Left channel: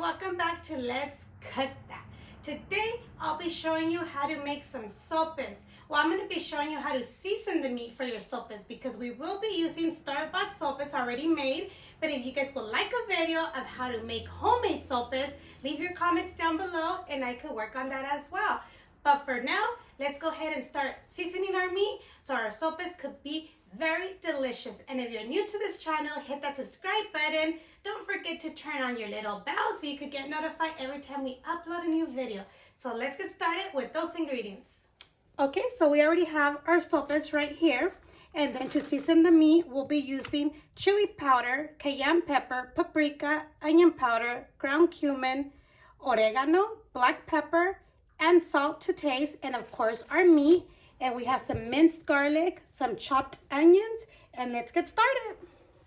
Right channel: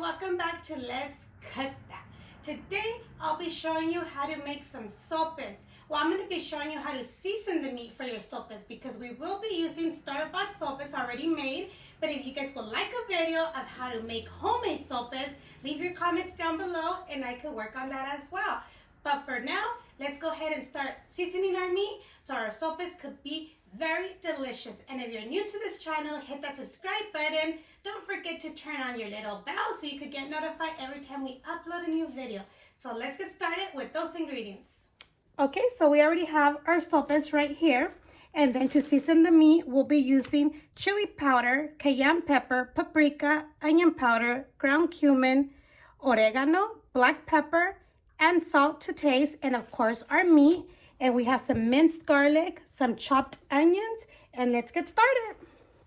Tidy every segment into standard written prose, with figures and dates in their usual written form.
welcome back to Let's Cook That. Today I'll be showing you how to make some sopes. Well, I'm going to be showing you how to season the meat for your sopes because we will be using store-bought sopes already made. But if you guys would like a video of how to make homemade sopes, leave your comments down below and I could work on that as well. But for now, let's go ahead and start seasoning our meat so our sopes could be very delicious. And if you're new to this channel, hit that subscribe button. Don't forget to turn on your little bell so you could get notified every time we upload a new video. So let's get started with those ingredients. Okay, so we already have our sopes right here. And then to season the meat, we'll be using chili powder, cayenne pepper, paprika, onion powder, ground cumin, oregano, black pepper, and salt to taste, and of course our meat. And we have some minced garlic, some chopped onions, and let's get started.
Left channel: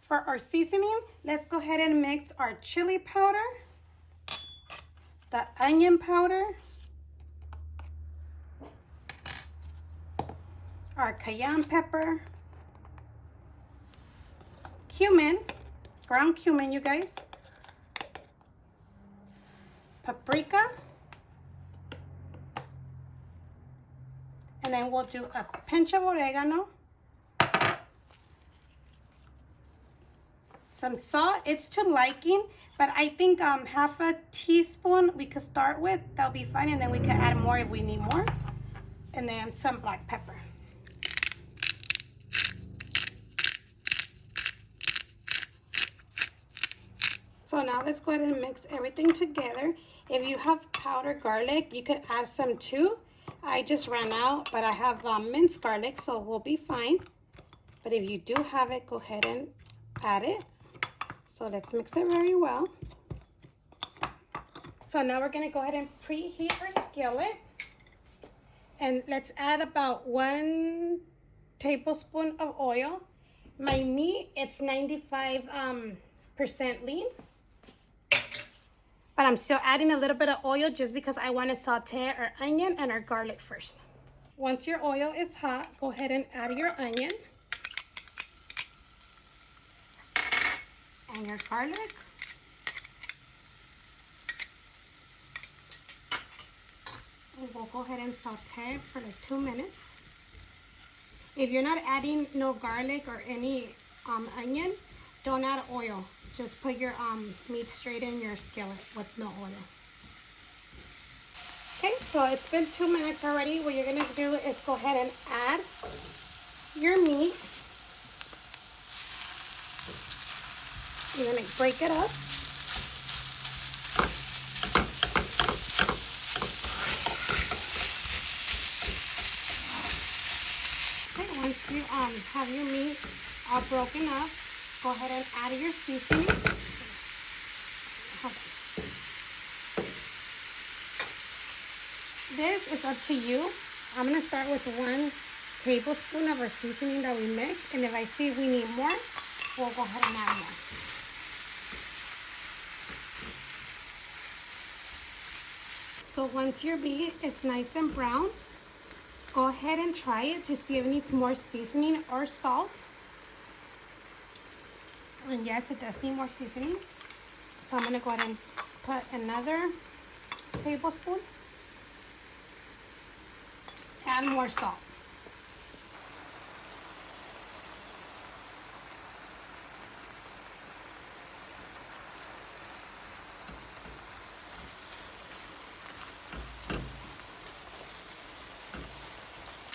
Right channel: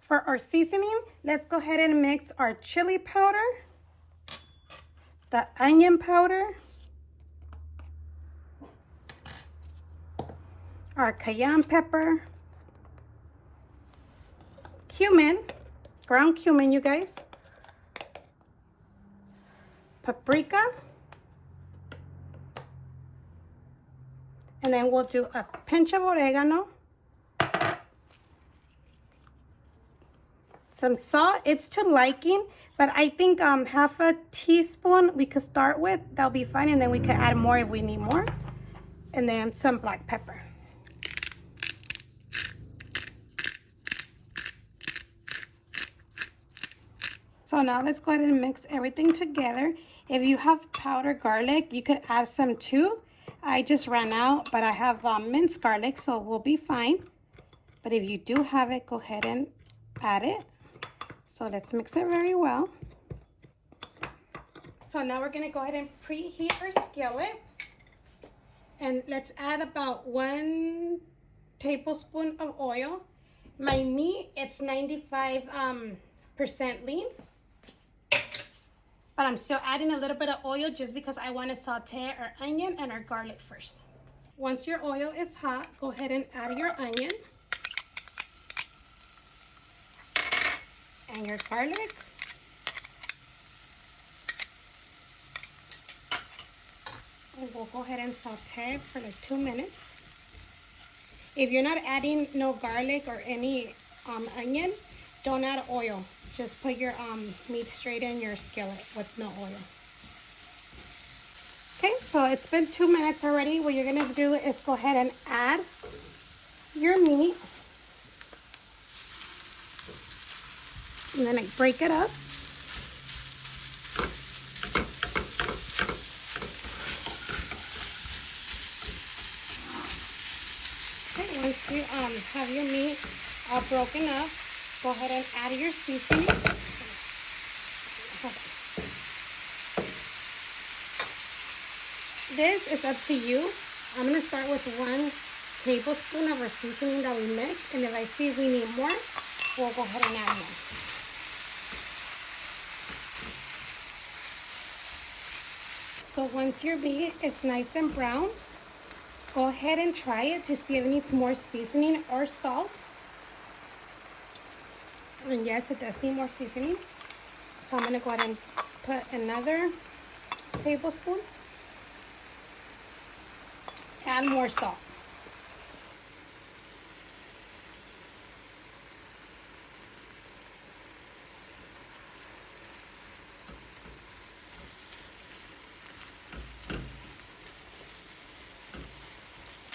For our seasoning, let's go ahead and mix our chili powder, the onion powder, our cayenne pepper, cumin, ground cumin, you guys, paprika, and then we'll do a pinch of oregano, some salt. It's to liking, but I think half a teaspoon we could start with. That'll be fine, and then we could add more if we need more. And then some black pepper. So now let's go ahead and mix everything together. If you have powdered garlic, you could add some too. I just ran out, but I have minced garlic, so we'll be fine. But if you do have it, go ahead and add it. So let's mix it very well. So now we're going to go ahead and preheat our skillet. And let's add about 1 tablespoon of oil. My meat, it's 95% lean. But I'm still adding a little bit of oil just because I want to saute our onion and our garlic first. Once your oil is hot, go ahead and add your onion and your garlic. And we'll go ahead and saute for like 2 minutes. If you're not adding no garlic or any onion, don't add oil. Just put your meat straight in your skillet with no oil. Okay, so it's been 2 minutes already. What you're gonna do is go ahead and add your meat. And then break it up. Okay, once you have your meat all broken up, go ahead and add your seasoning. This is up to you. I'm going to start with 1 tablespoon of our seasoning that we mixed. And if I see we need more, we'll go ahead and add more. So once your meat is nice and brown, go ahead and try it to see if it needs more seasoning or salt. And yes, it does need more seasoning. So I'm going to go ahead and put another tablespoon. Add more salt.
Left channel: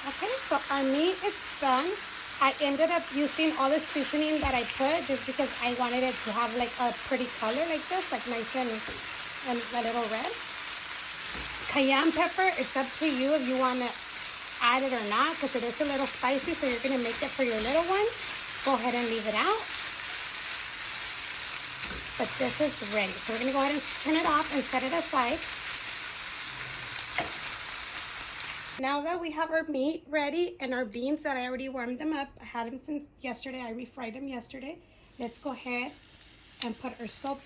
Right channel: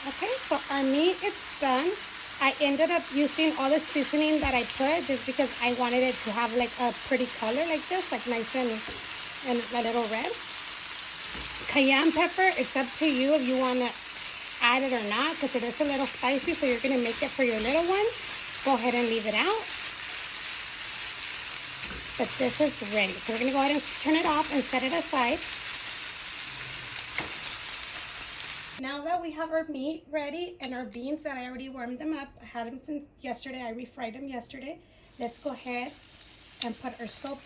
Okay, so our meat is done. I ended up using all the seasoning that I put just because I wanted it to have like a pretty color like this, like nice and a little red. Cayenne pepper, it's up to you if you want to add it or not because it is a little spicy, so you're going to make it for your little ones. Go ahead and leave it out. But this is ready. So we're going to go ahead and turn it off and set it aside. Now that we have our meat ready and our beans that I already warmed them up, I had them since yesterday, I refried them yesterday. Let's go ahead and put our sope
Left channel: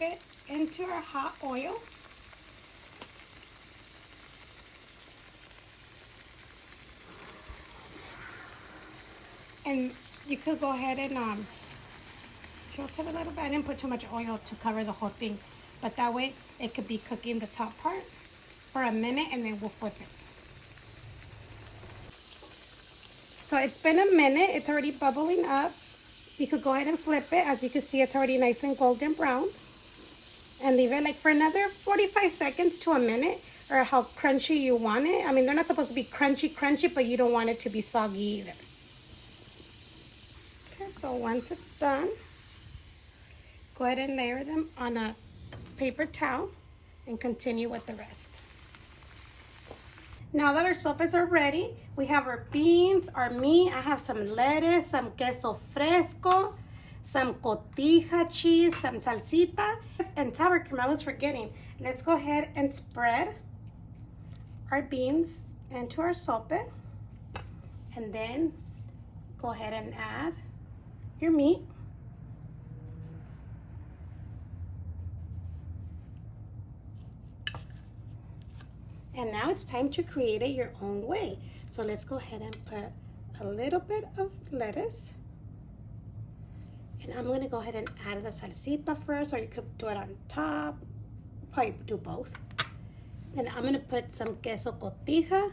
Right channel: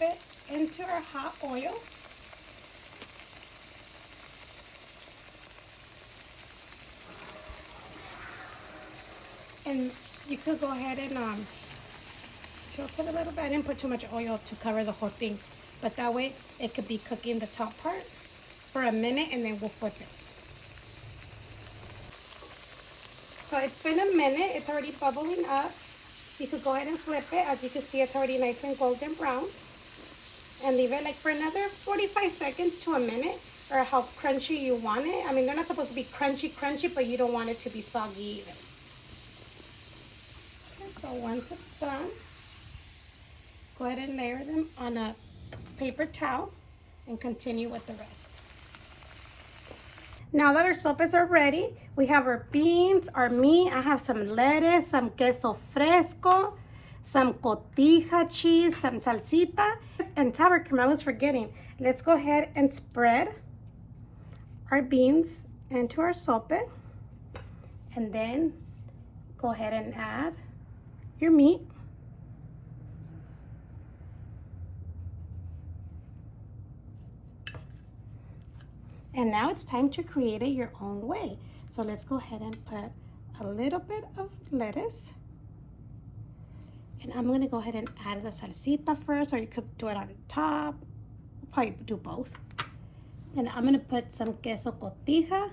into our hot oil. And you could go ahead and tilt it a little bit. I didn't put too much oil to cover the whole thing. but that way it could be cooking the top part for a minute and then we'll flip it. So it's been a minute, it's already bubbling up. You could go ahead and flip it. As you can see, it's already nice and golden brown. And leave it like for another 45 seconds to a minute, or how crunchy you want it. I mean, they're not supposed to be crunchy, but you don't want it to be soggy either. Okay, so once it's done, go ahead and layer them on a paper towel and continue with the rest. Now that our sopes are ready, we have our beans, our meat. I have some lettuce, some queso fresco, some cotija cheese, some salsita, and sour cream. I was forgetting. Let's go ahead and spread our beans into our sope, and then go ahead and add your meat. And now it's time to create it your own way. So let's go ahead and put a little bit of lettuce. And I'm gonna go ahead and add the salsita first, or you could do it on top. Probably do both. And I'm gonna put some queso cotija.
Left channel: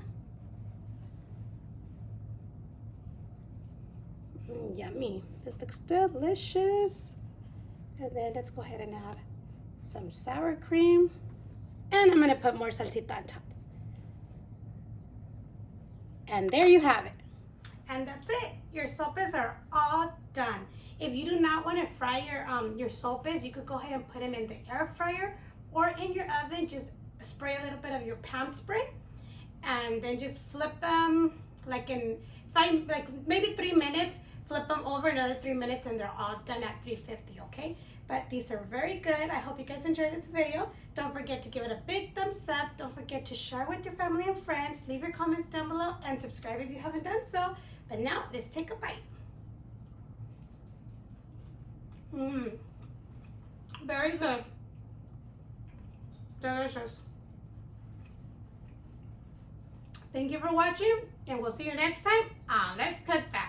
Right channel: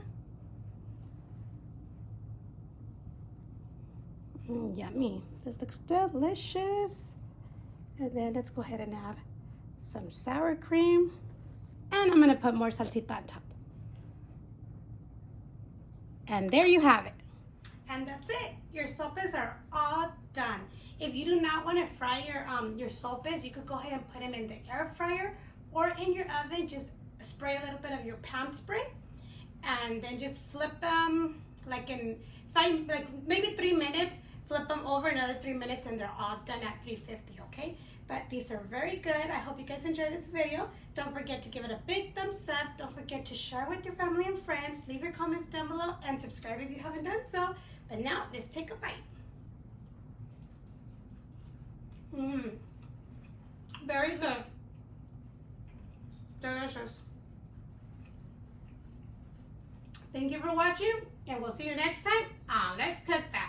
Yummy. This looks delicious. And then let's go ahead and add some sour cream. And I'm gonna put more salsita on top. And there you have it. And that's it. Your sopes are all done. If you do not want to fry your sopes, you could go ahead and put them in the air fryer or in your oven. Just spray a little bit of your pound spray, and then just flip them like in maybe 3 minutes. Flip them over another 3 minutes, and they're all done at 350. Okay, but these are very good. I hope you guys enjoyed this video. Don't forget to give it a big thumbs up. Don't forget to share with your family and friends. Leave your comments down below and subscribe if you haven't done so. But now let's take a bite. Very good. Delicious. Thank you for watching, and we'll see you next time on Let's Cook That.